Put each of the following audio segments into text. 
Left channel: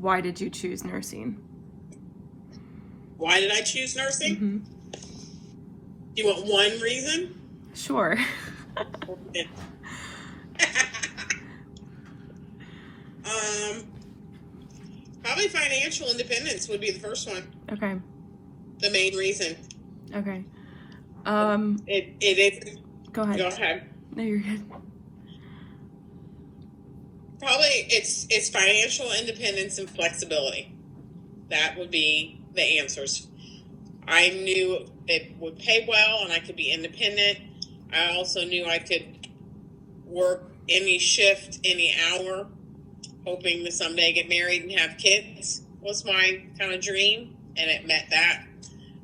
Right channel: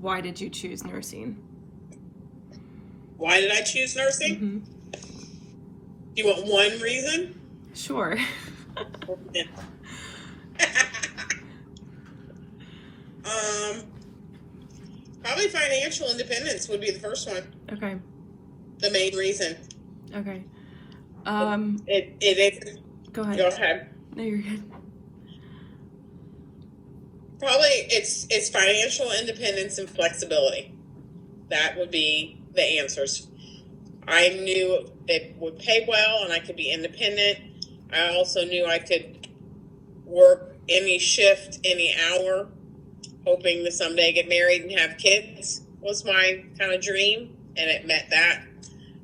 why did you choose nursing? Why did I choose nursing? Mm-hmm. You want one reason? Sure. Probably financial independence would be the first one. Okay. The main reason. Okay. It is. Go ahead. Go ahead. No, you're good. Probably it's financial independence and flexibility. That would be the answers. I knew it would pay well and I could be independent. I also knew I could work any shift, any hour, hoping to someday get married and have kids was my kind of dream, and it met that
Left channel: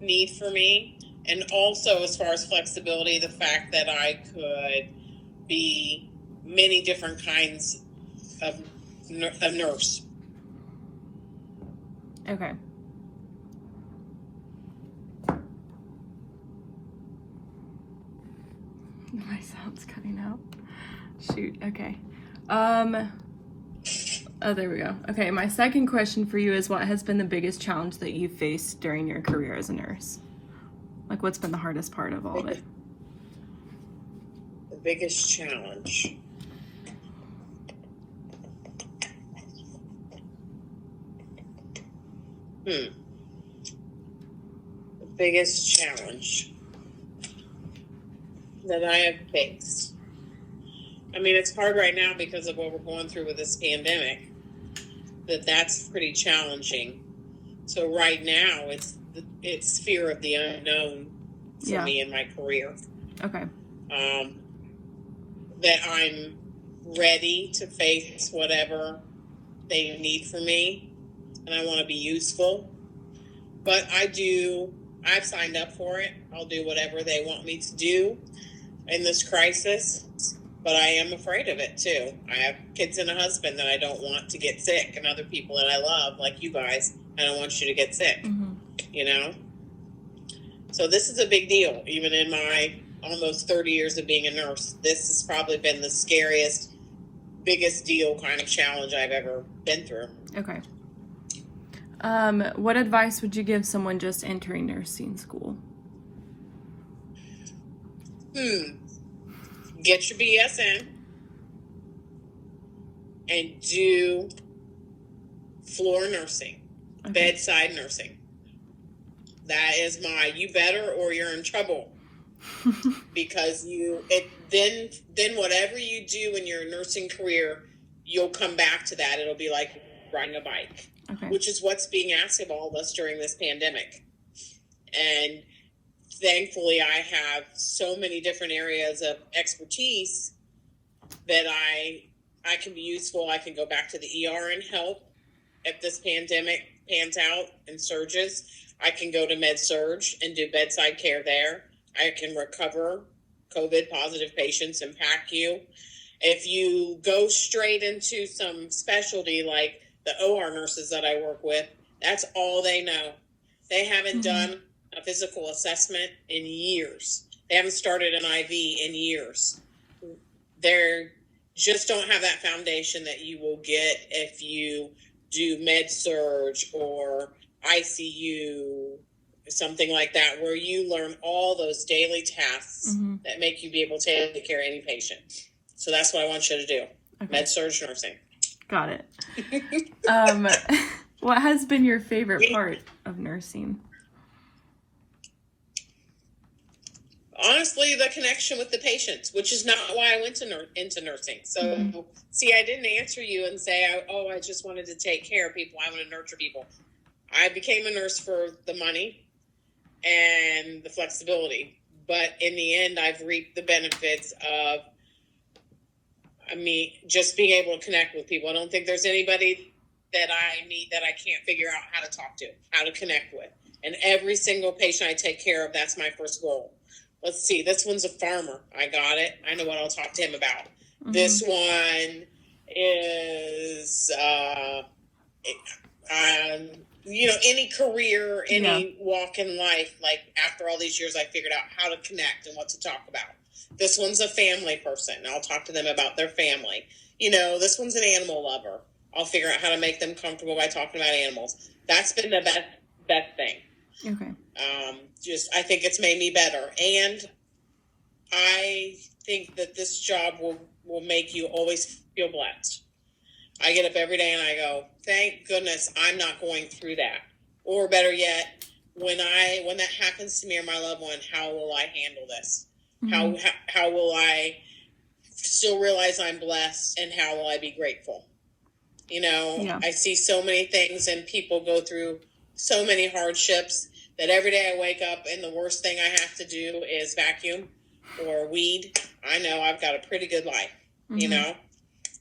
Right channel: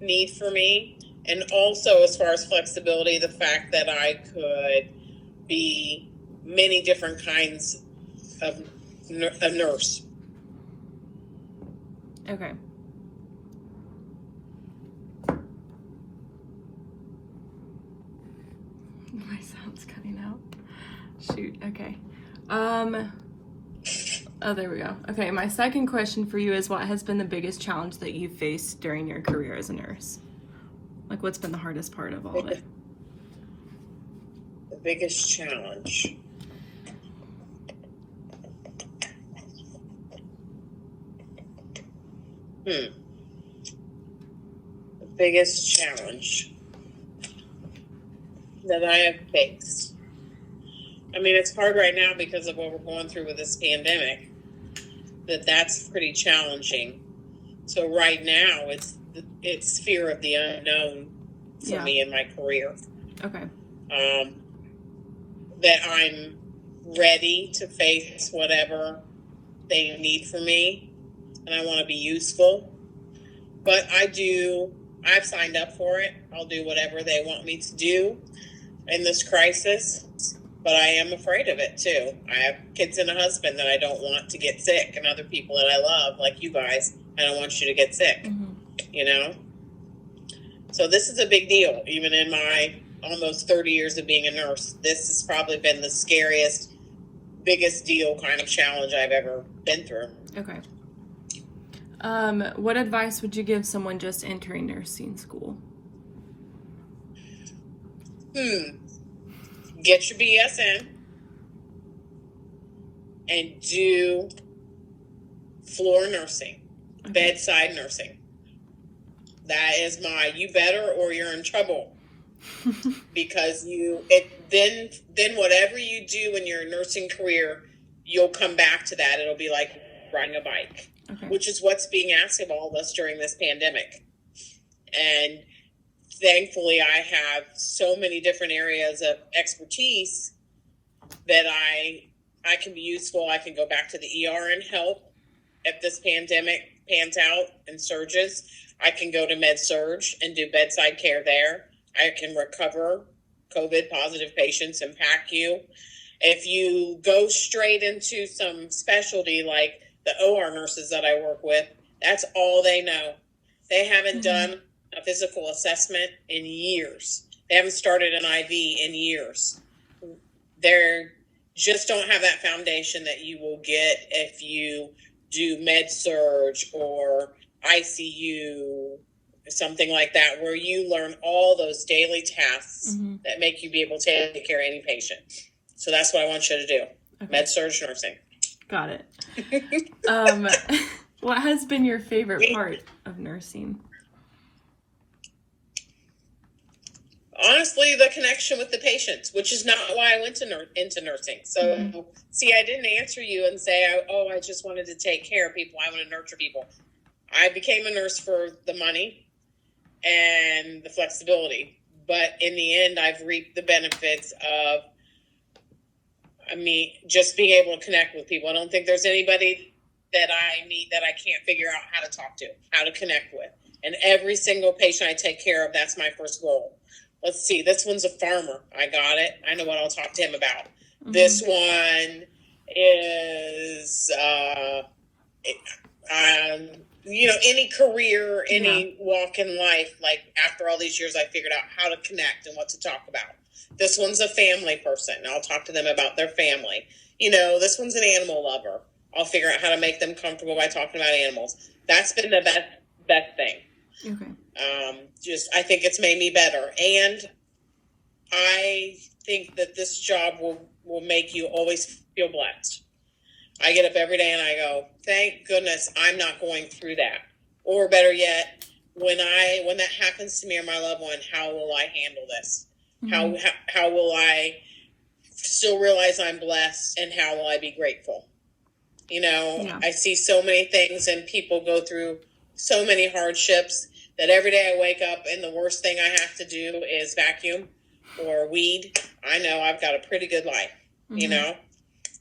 need for me. And also, as far as flexibility, the fact that I could be many different kinds of nurse. Okay. My sound's cutting out. Shoot. Okay. Oh, there we go. Okay, my second question for you is, what has been the biggest challenge that you faced during your career as a nurse? Like, what's been the hardest part of all of it? The biggest challenge. The biggest challenge that I have faced. I mean, it's hard right now because of what we're going through with this pandemic. That's pretty challenging. So right now, it's fear of the unknown for me in my career. Okay. That I'm ready to face whatever they need from me, and I want to be useful. But I've signed up for it. I'll do whatever they want me to do in this crisis. But I am afraid of it, too. I have kids and a husband that I don't want to get sick, and other people that I love, like you guys, I don't want you to get sick, you know? So this is a big deal. Even in my almost 30 years of being a nurse, this has probably been the scariest, biggest deal kind of challenge I've ever been through. Okay. What advice would you give someone just entering nursing school? Get your BS in and do floor nursing, bedside nursing. That is you better or you're in trouble. Because then whatever you do in your nursing career, you'll come back to that. It'll be like riding a bike, which is what's being asked of all of us during this pandemic. And thankfully, I have so many different areas of expertise that I can be useful. I can go back to the ER and help if this pandemic pans out and surges. I can go to med-surg and do bedside care there. I can recover COVID positive patients and PACU. If you go straight into some specialty like the OR nurses that I work with, that's all they know. They haven't done a physical assessment in years. They haven't started an IV in years. They just don't have that foundation that you will get if you do med-surg or ICU, something like that, where you learn all those daily tasks that make you be able to take care of any patient. So that's what I want you to do. Med-surg nursing. Got it. What has been your favorite part of nursing? Honestly, the connection with the patients, which is not why I went into nursing. So, see, I didn't answer you and say, I just wanted to take care of people. I want to nurture people. I became a nurse for the money and the flexibility. But in the end, I've reaped the benefits of, just being able to connect with people. I don't think there's anybody that I meet that I can't figure out how to talk to, how to connect with. And every single patient I take care of, that's my first goal. Let's see, this one's a farmer. I got it. I know what I'll talk to him about. This one is, any career, any walk in life. Like after all these years, I figured out how to connect and what to talk about. This one's a family person. I'll talk to them about their family. This one's an animal lover. I'll figure out how to make them comfortable by talking about animals. That's been the best thing. Okay. I think it's made me better. And I think that this job will make you always feel blessed. I get up every day and I go, thank goodness I'm not going through that. Or better yet, when that happens to me or my loved one, how will I handle this? Mm-hmm. How will I still realize I'm blessed, and how will I be grateful? I see so many things and people go through so many hardships that every day I wake up and the worst thing I have to do is vacuum or weed. I know I've got a pretty good life, mm-hmm.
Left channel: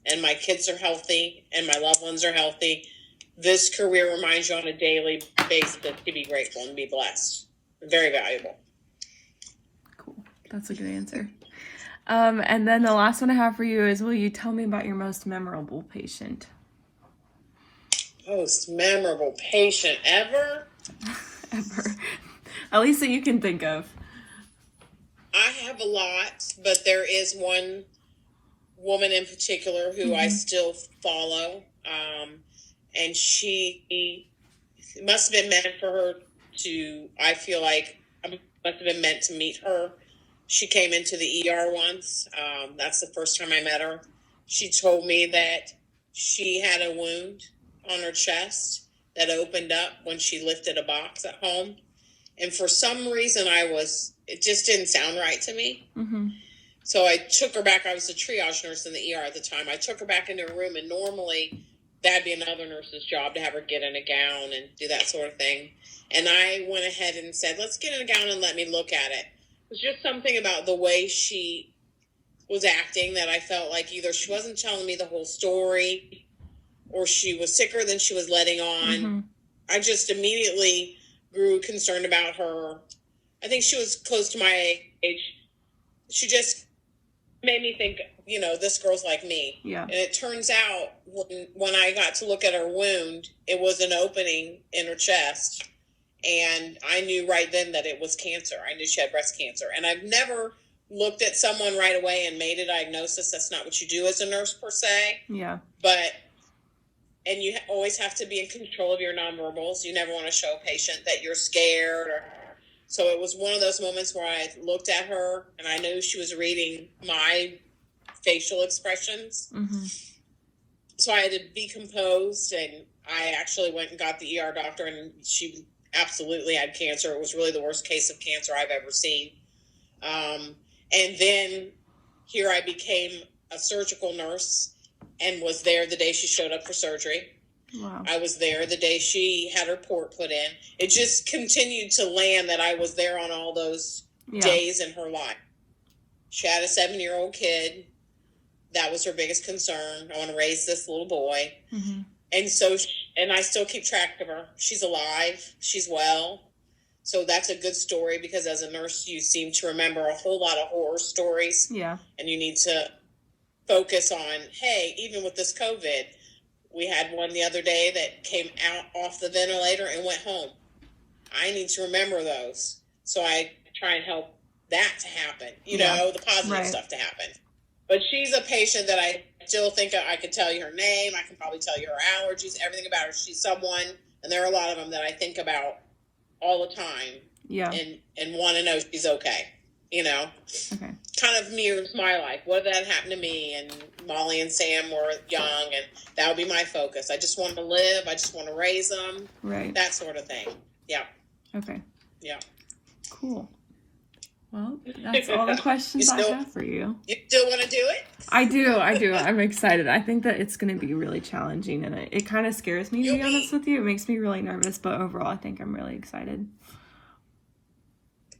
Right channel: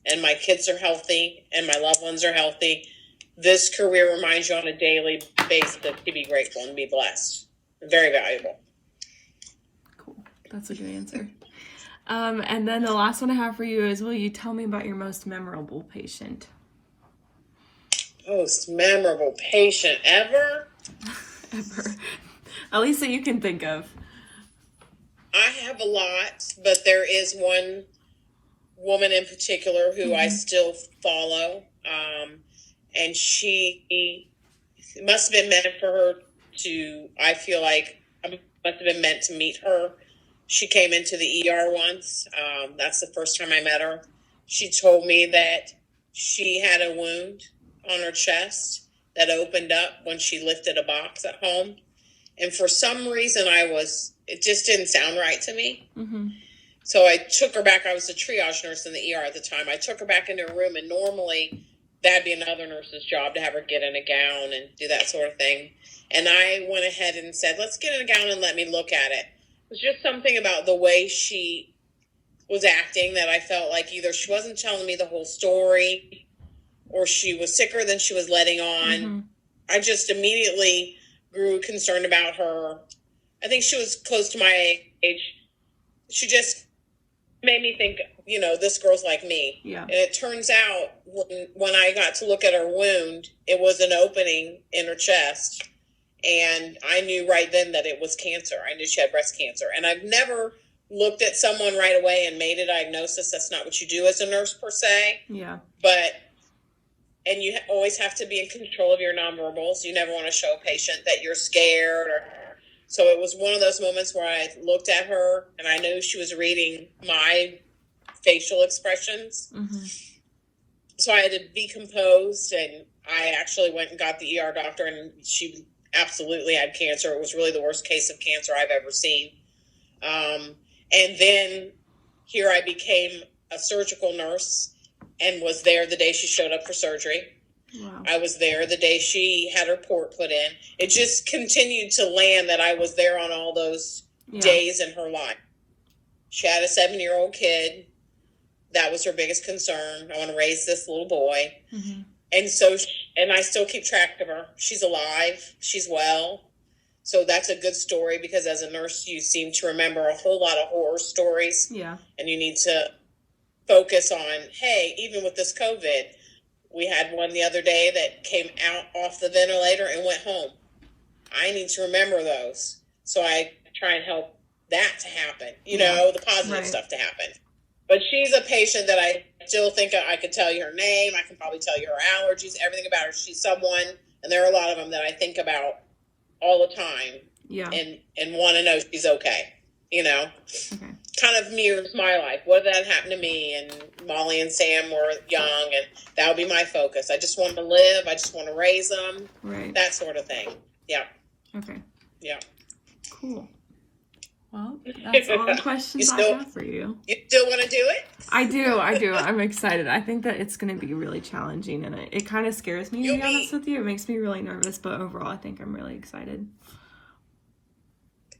And my kids are healthy and my loved ones are healthy. This career reminds you on a daily basis to be grateful and be blessed. Very valuable. Cool. That's a good answer. And then the last one I have for you is, will you tell me about your most memorable patient? Most memorable patient ever? Ever. At least that you can think of. I have a lot, but there is one woman in particular who mm-hmm. I still follow. And she must have been meant for her to, I feel like, I must have been meant to meet her. She came into the ER once. That's the first time I met her. She told me that she had a wound on her chest that opened up when she lifted a box at home. And for some reason it just didn't sound right to me. Mm-hmm. So I took her back. I was a triage nurse in the ER at the time. I took her back into her room, and normally that'd be another nurse's job to have her get in a gown and do that sort of thing. And I went ahead and said, let's get in a gown and let me look at it. It was just something about the way she was acting that I felt like either she wasn't telling me the whole story or she was sicker than she was letting on. Mm-hmm. I just immediately grew concerned about her. I think she was close to my age. She just made me think, this girl's like me. Yeah. And it turns out when I got to look at her wound, it was an opening in her chest. And I knew right then that it was cancer. I knew she had breast cancer. And I've never looked at someone right away and made a diagnosis. That's not what you do as a nurse per se. Yeah. And you always have to be in control of your nonverbals. You never want to show a patient that you're scared. So it was one of those moments where I looked at her and I knew she was reading my facial expressions. Mm-hmm. So I had to be composed, and I actually went and got the ER doctor, and she absolutely had cancer. It was really the worst case of cancer I've ever seen. And then here I became a surgical nurse and was there the day she showed up for surgery. Wow. I was there the day she had her port put in. It just continued to land that I was there on all those days in her life. She had a 7-year-old kid. That was her biggest concern. I want to raise this little boy. Mm-hmm. And I still keep track of her. She's alive. She's well. So that's a good story, because as a nurse, you seem to remember a whole lot of horror stories. Yeah. And you need to focus on, hey, even with this COVID, we had one the other day that came out off the ventilator and went home. I need to remember those. So I try and help that to happen, the positive stuff to happen. But she's a patient that I still think I could tell you her name. I can probably tell you her allergies, everything about her. She's someone, and there are a lot of them that I think about all the time. Yeah. And want to know she's okay. Okay. Kind of mirrors my life. What did that happen to me? And Molly and Sam were young, and that would be my focus. I just want to live. I just want to raise them. Right. That sort of thing. Yeah. Okay. Yeah. Cool. Well, that's all the questions I have for you. You still want to do it? I do. I'm excited. I think that it's going to be really challenging, and it kind of scares me, to be honest with you. It makes me really nervous, but overall, I think I'm really excited.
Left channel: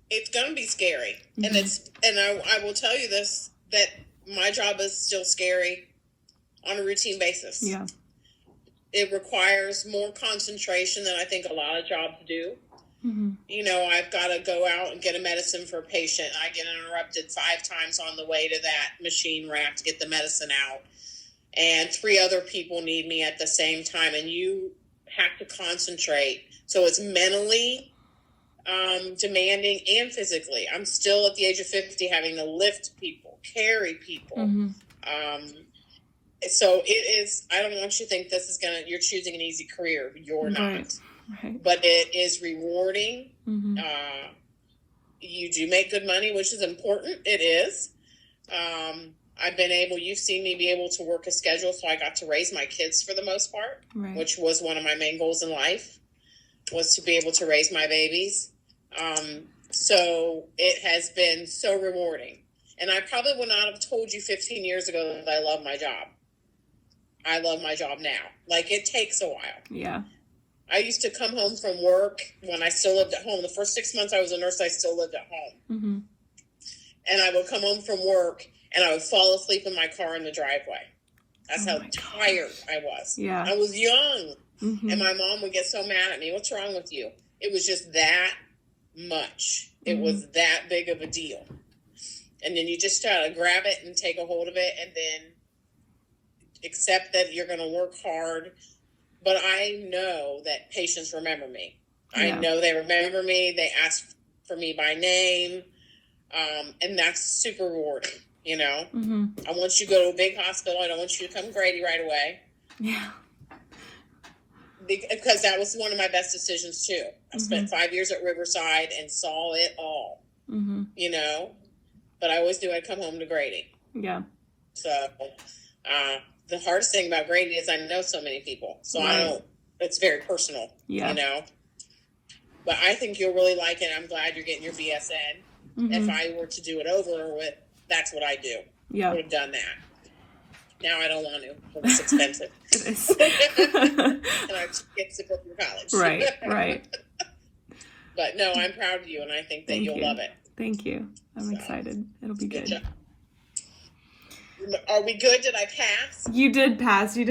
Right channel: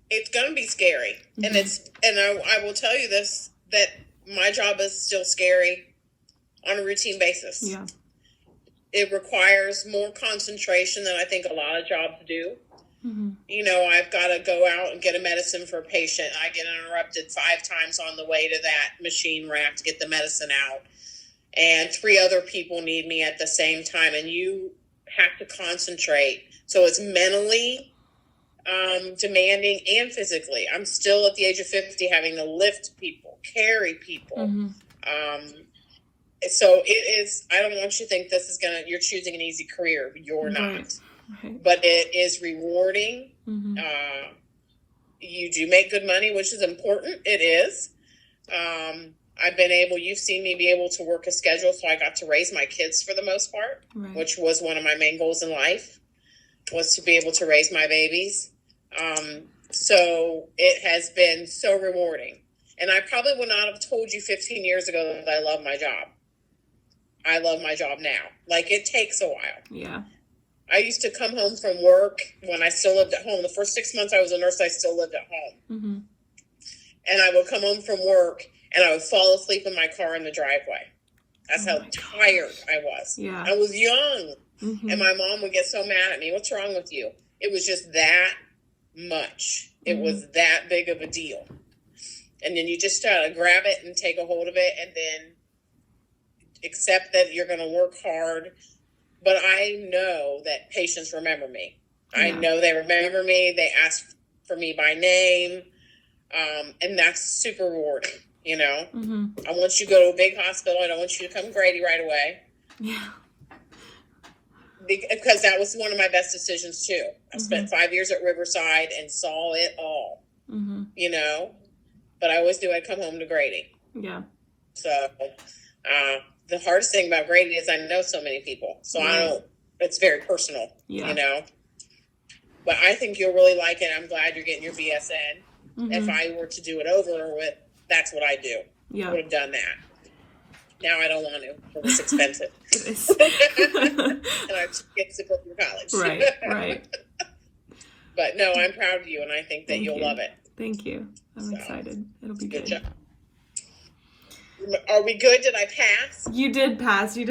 It's going to be scary. Mm-hmm. And I will tell you this, that my job is still scary on a routine basis. Yeah. It requires more concentration than I think a lot of jobs do. Mm-hmm. I've got to go out and get a medicine for a patient. I get interrupted 5 times on the way to that machine where I have to get the medicine out. And 3 other people need me at the same time. And you have to concentrate. So it's mentally demanding and physically. I'm still at the age of 50 having to lift people, carry people. Mm-hmm. So it is, I don't want you to think this is you're choosing an easy career. You're not. Right. But it is rewarding. Mm-hmm. You do make good money, which is important. It is. You've seen me be able to work a schedule, so I got to raise my kids for the most part, Right. which was one of my main goals in life, was to be able to raise my babies. So it has been so rewarding. And I probably would not have told you 15 years ago that I love my job. I love my job now. Like, it takes a while. Yeah. I used to come home from work when I still lived at home. The first 6 months I was a nurse, I still lived at home. Mm-hmm. And I would come home from work and I would fall asleep in my car in the driveway. That's how tired I was. Yeah. I was young. Mm-hmm. And my mom would get so mad at me. What's wrong with you? It was just that much. It was that big of a deal. And then you just try to grab it and take a hold of it and then accept that you're going to work hard. But I know that patients remember me. Yeah. I know they remember me. They ask for me by name. And that's super rewarding, you know? Mm-hmm. I want you to go to a big hospital. I don't want you to come to Grady right away. Yeah. Because that was one of my best decisions, too. I spent 5 years at Riverside and saw it all, you know? But I always knew I'd come home to Grady. Yeah. So the hardest thing about Grady is I know so many people. So it's very personal, you know? But I think you'll really like it. I'm glad you're getting your BSN. If I were to do it over with, that's what I do. Yeah. I would have done that. Now I don't want to. It's expensive. And I just get to go through college. Right. But no, I'm proud of you, and I think that you'll love it. Thank you. I'm excited. It'll be good. Job. Are we good? Did I pass? You did pass. You